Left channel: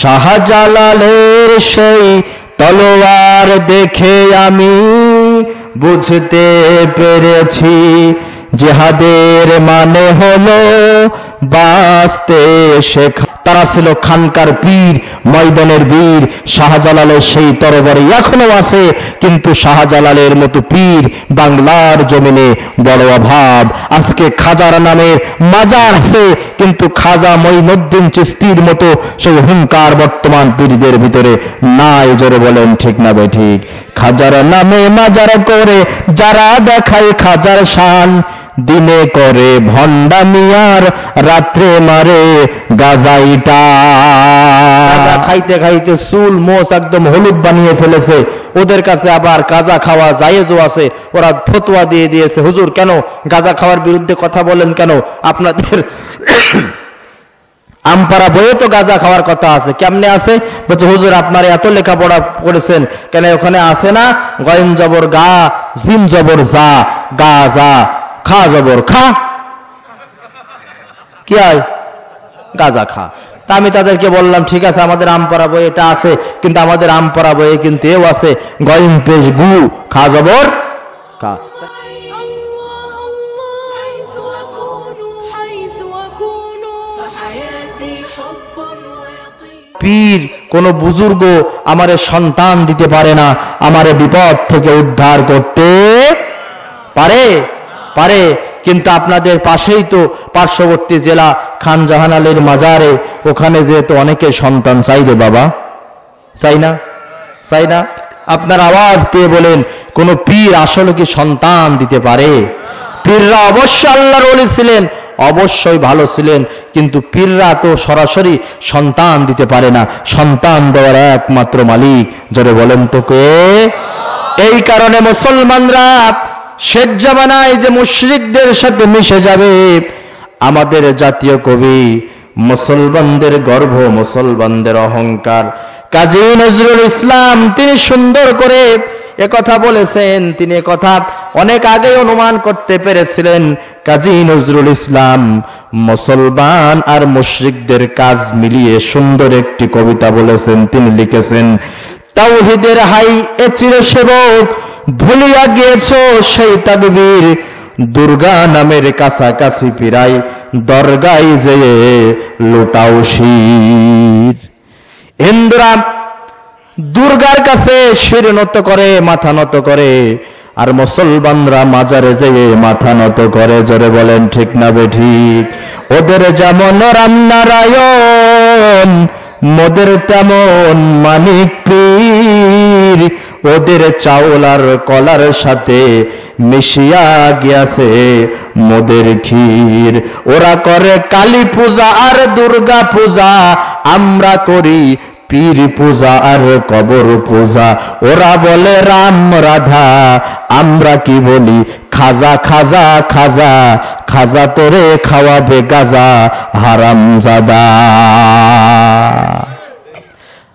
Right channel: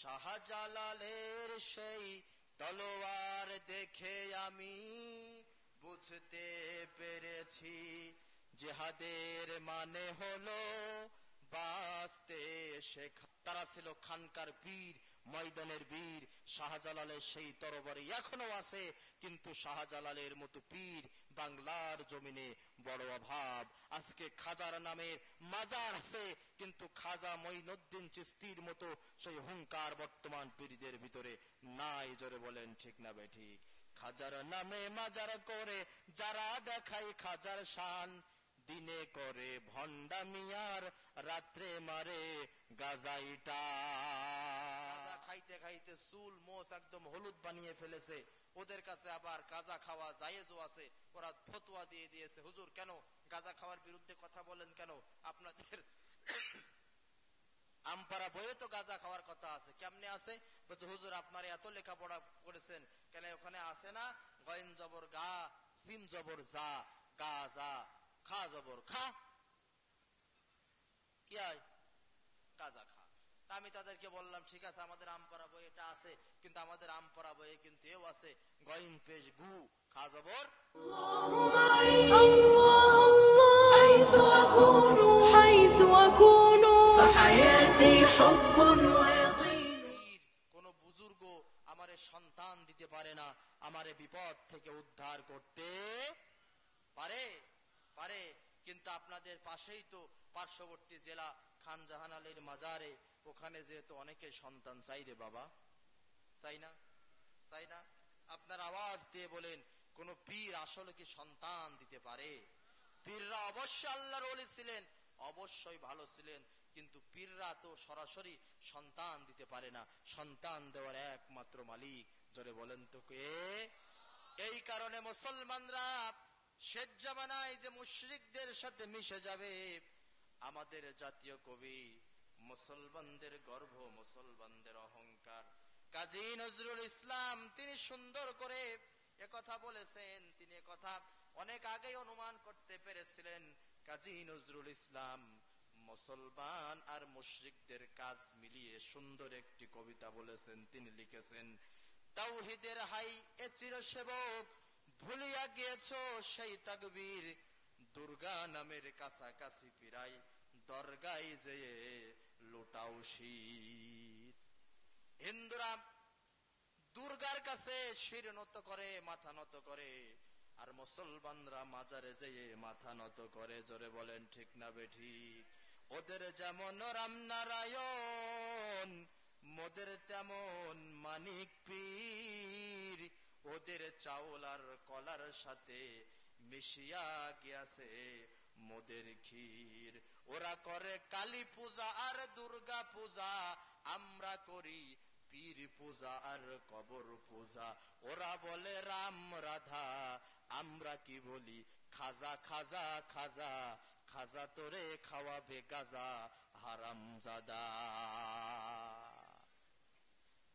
শাহজালালের সেই তলোয়ার দেখে আমি বুঝতে পেরেছি জিহাদের মানে হলো বাঁচতে শেখা। তারা ছিল খানকার পীর, ময়দানের বীর। শাহজালালের সেই তরবারি এখনো আছে, কিন্তু শাহজালালের মতো পীর বাংলার জমিনে বড় অভাব। আজকে খাজার নামে মাজার আছে, কিন্তু খাজা মঈনুদ্দিন চিশতির মতো সেই হুঙ্কার বর্তমান পীরদের ভিতরে নাই। জোরে বলেন ঠিক না বেঠিক? খাজার নামে মাজার করে যারা দেখায় খাজার শান, দিনে করে ভণ্ডামি আর রাত্রে মারে গাজাইটা। খাইতে খাইতে চুল মোচ একদম হলুদ বানিয়ে ফেলেছে। ওদের কাছে আবার গাঁজা খাওয়া জায়েজও আছে। ওরা ফতোয়া দিয়ে দিয়েছে, হুজুর কেন গাঁজা খাওয়ার বিরুদ্ধে কথা বলেন কেন? আপনাদের আমপাড়া বইয়ে তো গাঁজা খাওয়ার কথা আছে। কেমনে আছে? বলছে হুজুর আপনারা এত লেখাপড়া করেছেন কেন, ওখানে আছে না গয়েন জবর গা, জিম জবর যা, গা যা, খা জবর খা, কি হয় গাঁজা খা। তা আমি তাদেরকে বললাম ঠিক আছে, আমাদের আমপাড়া বই এটা আছে, কিন্তু আমাদের আমপাড়া বইয়ে কিন্তু এও আছে গয়েন পেশ গু, খা জবর খা। পীর কোন বুজুর্গ আমারে সন্তান দিতে পারে না, আমারে বিপদ থেকে উদ্ধার করতে পারে পারে কিন্তু আপনাদের পাশেই তো পার্শ্ববর্তী জেলা খান জাহান আলীর মাজারে, ওখানে যেহেতু অনেকে সন্তান চাই রে বাবা, চাই না? চাই না? আপনার আওয়াজ দিয়ে বলেন কোন পীর আসলে কি সন্তান দিতে পারে? পীররা অবশ্য আল্লাহর ওলি ছিলেন, অবশ্যই ভালো ছিলেন, কিন্তু পীররা তো সরাসরি সন্তান দিতে পারে না। সন্তান দেওয়ার একমাত্র মালিক, জোরে বলেন তো কে? এই কারণে মুসলমানরা শেষ জামানায় যে মুশরিকদের সাথে মিশে যাবে, আমাদের জাতীয় কবি মুসলমানদের গর্ব, মুসলমানদের অহংকার কাজী নজরুল ইসলাম তিনি সুন্দর করে একথা বলেছেন। তিনি একথা অনেক আগে অনুমান করতে পেরেছিলেন। কাজী নজরুল ইসলাম মুসলমান আর মুশরিকদের কাজ মিলিয়ে সুন্দর একটি কবিতা বলেছেন। তিনি লিখেছেন, তাওহীদের হাই এ চিরসেবক ভুলিয়া গিয়েছ সেই তাকবীর, দুর্গা নামের কাছাকাছি পিরাই দরগায় যেয়ে লুটাও শির। হিন্দুরা দুর্গার কাছে শির নত করে, মাথা নত করে, আর মুসলমানরা মাজারে যেয়ে মাথা নত করে। জোরে বলেন ঠিক না বেঠিক? ওদের যেমন রামনারায়ণ, মোদের তেমন মানিক পীর, ওদের চাউল আর কলার সাথে মিশিয়া গিয়াছে মোদের ক্ষীর। ওরা করে কালী পূজা আর দুর্গা পূজা, আমরা করি পীর পূজা আর কবর পূজা। ওরা বলে রাম রাধা, আমরা কি বলি খাজা খাজা খাজা, খাজা তোরে খাওয়াবে গাজা হারামজাদা।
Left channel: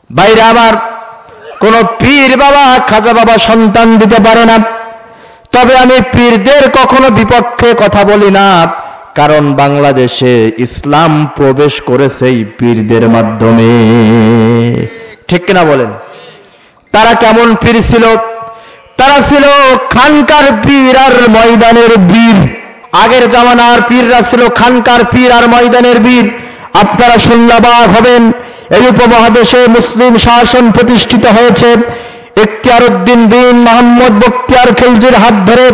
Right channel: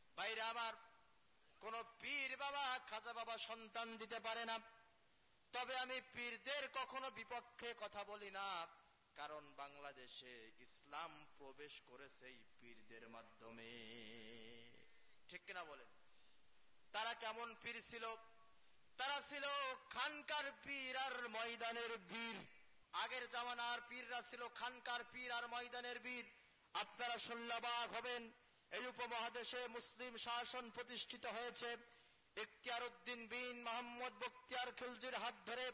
বাইরে আমার কোন পীর বাবা খাজা বাবা সন্তান দিতে পারে না। তবে আমি পীরদের কখনো বিপক্ষে কথা বলি না, কারণ বাংলাদেশে ইসলাম প্রবেশ করেছে এই পীরদের মাধ্যমে। ঠিক কিনা বলেন? তারা কেমন পীর ছিল? তারা ছিল খানকার পীর আর ময়দানের বীর। আগের জামানার পীররা ছিল খানকার পীর আর ময়দানের বীর। আপনারা শুনলে অবাক হবেন, এই উপমহাদেশে মুসলিম শাসন প্রতিষ্ঠিত হয়েছে ইখতিয়ার উদ্দিন বিন মোহাম্মদ বখতিয়ার খিলজির হাত ধরে।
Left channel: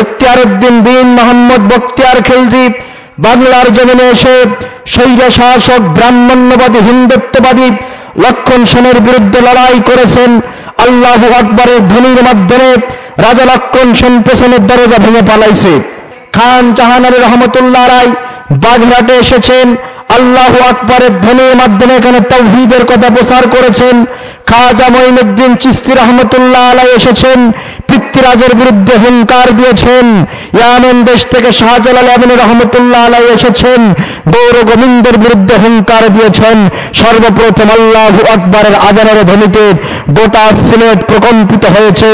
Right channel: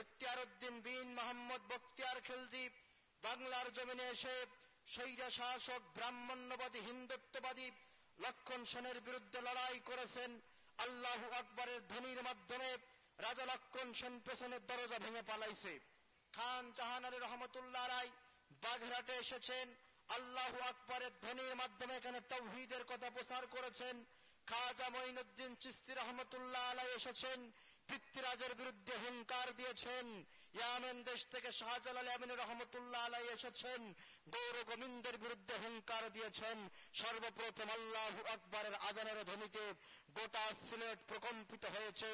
ইখতিয়ার উদ্দিন বিন মোহাম্মদ বখতিয়ার খিলজি বাংলার জমিনে এসে স্বৈর শাসক ব্রাহ্মণ্যবাদী হিন্দুত্ববাদী লক্ষণ সেনের বিরুদ্ধে লড়াই করেছেন। আল্লাহু আকবরের ধ্বনির মাধ্যমে রাজা লক্ষণ সেন পেছনের দরজা ভেঙে পালাইছে। খান জাহান আলী রহমতুল্লাহ রায় বাগেরহাটে এসেছেন, আল্লাহু আকবরের ধ্বনির মাধ্যমে এখানে তাওহীদের কথা প্রচার করেছেন। খাজা মঈনুদ্দিন চিশতি রহমতুল্লাহ আলাইহি এসেছেন, পৃথ্বীরাজের বিরুদ্ধে হুঙ্কার দিয়েছেন। ইয়ামেন দেশ থেকে শাহজালাল আমিন রহমতুল্লাহ আলাইহি এসেছেন, গৌর গোবিন্দের বিরুদ্ধে হুঙ্কার দিয়েছেন। সর্বপ্রথম আল্লাহু আকবারের আজানের ধ্বনিতে গোটা সিলেট প্রকম্পিত হয়েছে।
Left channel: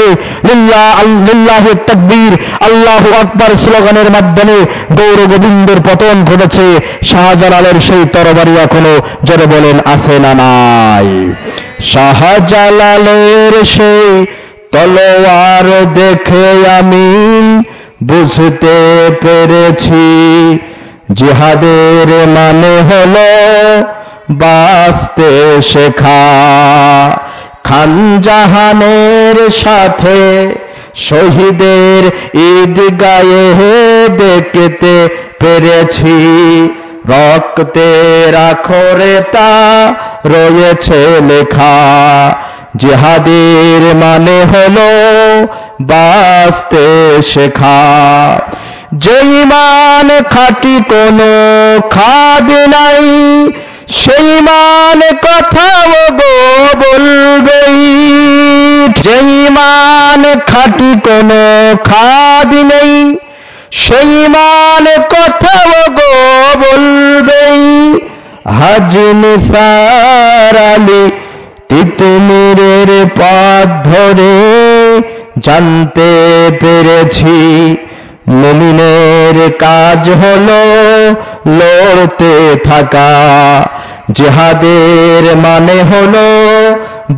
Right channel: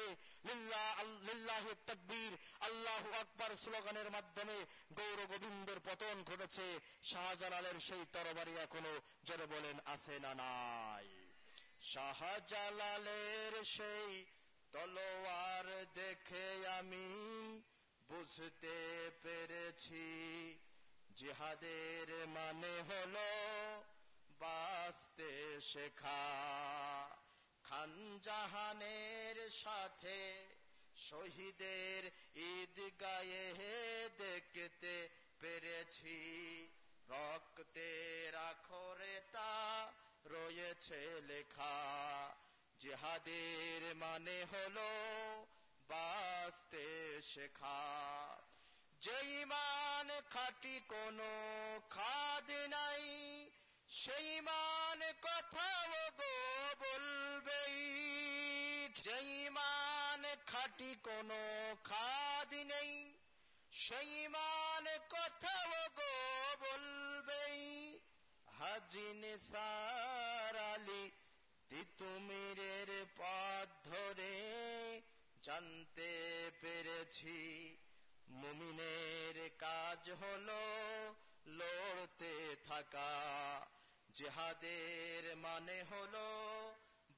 লিল্লাহি তাকবীর, আল্লাহু আকবার স্লোগানের মাধ্যমে গৌর গোবিন্দের পতন ঘটেছে। শাহজালালের সেই তরবারি এখনো জোরে বলেন আছে না নাই? শাহজালালের সেই তলোয়ার দেখে আমি বুঝতে পেরেছি, জিহাদের মানে হলো বাঁচতে শেখা। খান জাহানের সাথে শহীদের ঈদগাহে দেখতে পেরেছি, রক্তের আখরে তা রয়েছে লেখা। জিহাদের মানে হলো বাঁচতে শেখা। যে ঈমান খাঁটি কোনো খাদ নাই, সেই ঈমান কথাও গো বলবেই। যে ঈমান খাঁটি কোনো খাদ নেই, সেই ঈমান কথাও গো বলবেই। হাজী নিসার আলী তিতুমিরের পথ ধরে জানতে পেরেছি, মুমিনের কাজ হলো লড়তে থাকা। জিহাদের মানে হলো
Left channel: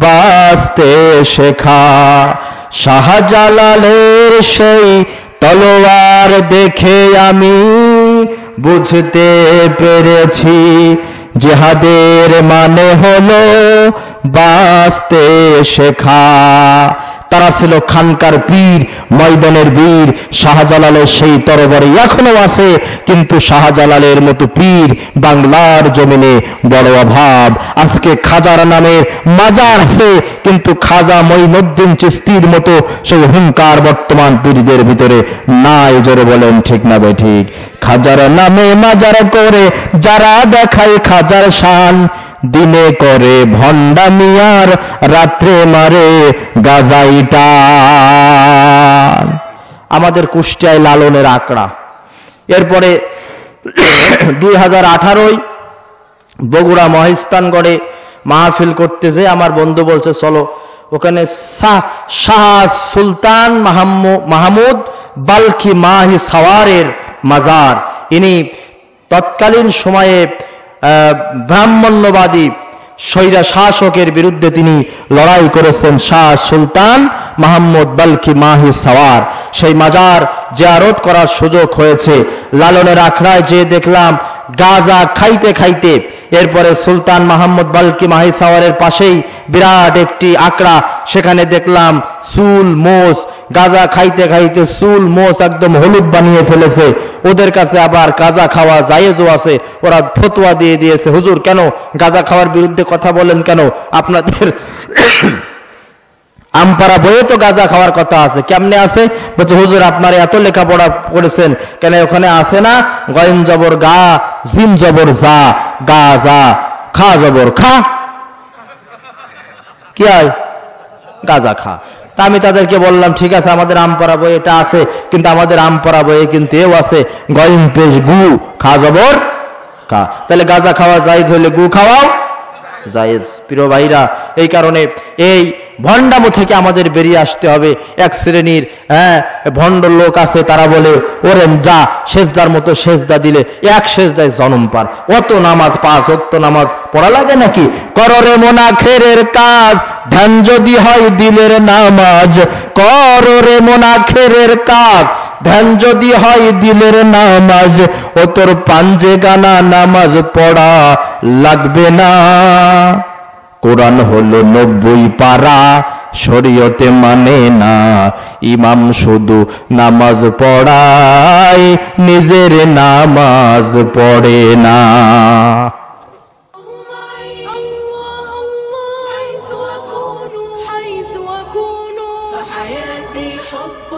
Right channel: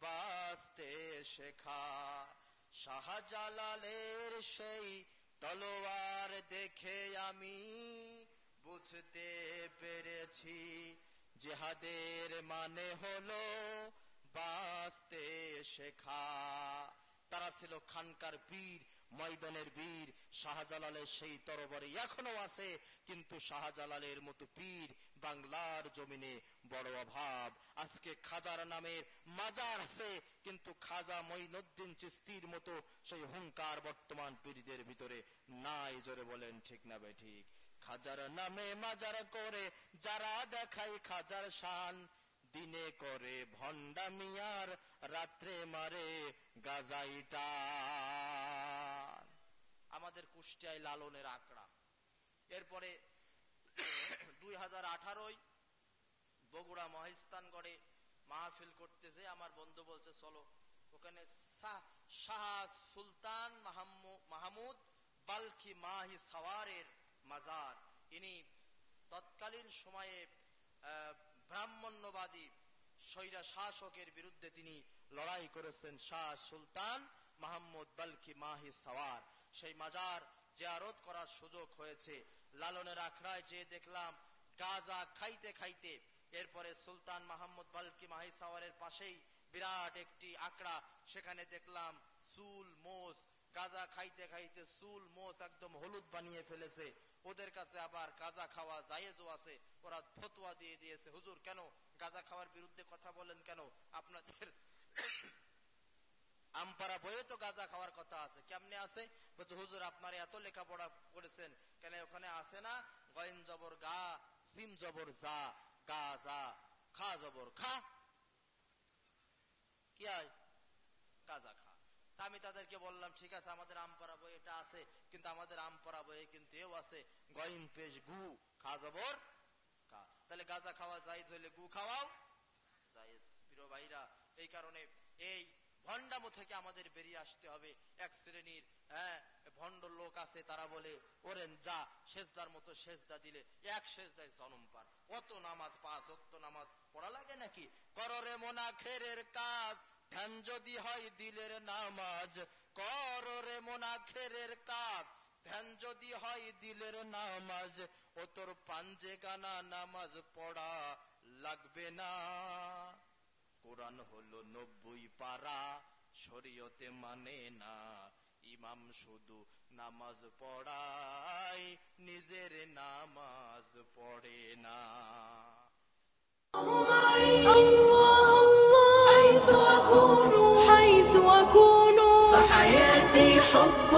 বাঁচতে শেখা। শাহজালালের সেই তলোয়ার দেখে আমি বুঝতে পেরেছি, জিহাদের মানে হলো বাঁচতে শেখা। তারা ছিল খানকার পীর, ময়দানের বীর। শাহজালালের সেই তরবারি এখনো আছে, কিন্তু শাহজালালের মতো পীর বাংলার জমিনে বড় অভাব। আজকে খাজার নামের মাজার আছে, কিন্তু খাজা মঈনুদ্দিন চিশতির মতো সেই হুঙ্কার বর্তমান পীরদের ভিতরে নাই। জোরে বলেন ঠিক না বেঠিক? খাজার নামে মাজার করে যারা দেখায় খাজার শান, দিনে করে ভণ্ডামিয়ার, রাত্রে মারে গাজাইটা। আমাদের কুষ্টিয়ায় লালনের আঁকড়া। এরপরে 2018 বগুড়া মহিস্তানগড়ে মাহফিল করতেছে। আমার বন্ধু বলছে চলো ওখানে শাহ সুলতান মাহমুদ বাল্কি মাহি সাওয়ারের মাজার। ইনি তৎকালীন সময়ে ব্রাহ্মণ্যবাদী স্বৈরা শাসকের বিরুদ্ধে তিনি লড়াই করেছেন। শাহ সুলতান মাহমুদ বাল্কি মাহি সাওয়ার, সেই মাজার জিয়ারত করার সুযোগ হয়েছে। লালনের আখড়ায় যে দেখলাম গাঁজা খাইতে খাইতে, এরপরে সুলতান মাহমুদ বাল্কি মাহি সাওয়ারের পাশেই বিরাট একটি আখড়া, সেখানে দেখলাম চুল মোষ, গাঁজা খাইতে খাইতে চুল মোষ একদম হলুদ বানিয়ে ফেলেছে। ওদের কাছে আবার গাঁজা খাওয়া জায়েজও আছে। ওরা ফতোয়া দিয়ে দিয়েছে, হুজুর কেন গাঁজা খাওয়ার বিরুদ্ধে কথা বলেন কেন? আপনাদের আমপারা বইয়ে তো গাঁজা খাওয়ার কথা আছে। কেমনে আছে? বলছে হুজুর আপনারা এত লেখাপড়া করেছেন কেন, ওখানে আছে না গয়েন জবর গা, জিম জবর যা, গা যা, খা জবর খা, কি হয় গাঁজা খা। তা আমি তাদেরকে বললাম ঠিক আছে আমাদের আমপারা বই এটা আছে, কিন্তু আমাদের আমপারা বইয়ে কিন্তু এও আছে গয়েন পেশ গু, খা জবর খা। তাহলে গাঁজা খাওয়া জায়েজ হলে গু খাওয়াও জায়েজ। প্রিয় ভাইরা, এই কারণে এই ভণ্ডামো থেকে আমাদের বেরিয়ে আসতে হবে। এক শ্রেণীর ভণ্ড লোক আছে, তারা বলে ওরে যা সেজদার মতো সেজদা দিলে এক সেজদায় জন্ম পার, অত নামাজ পাঁচ অত নামাজ পড়া লাগে নাকি? কররে মোনাখেরের কাজ, ধ্যান যদি হয় দিলের নামাজ। কররে মোনাখেরের কাজ, ধ্যান যদি হয় দিলের নামাজ। ও তোর পাঞ্জে গানা নামাজ পড়া লাগবে না। কোরআন হলো 90 পারা, শরীয়তে মানে না। ইমাম শুধু নামাজ পড়ায়, নিজের নামাজ পড়ে না। حياتي حب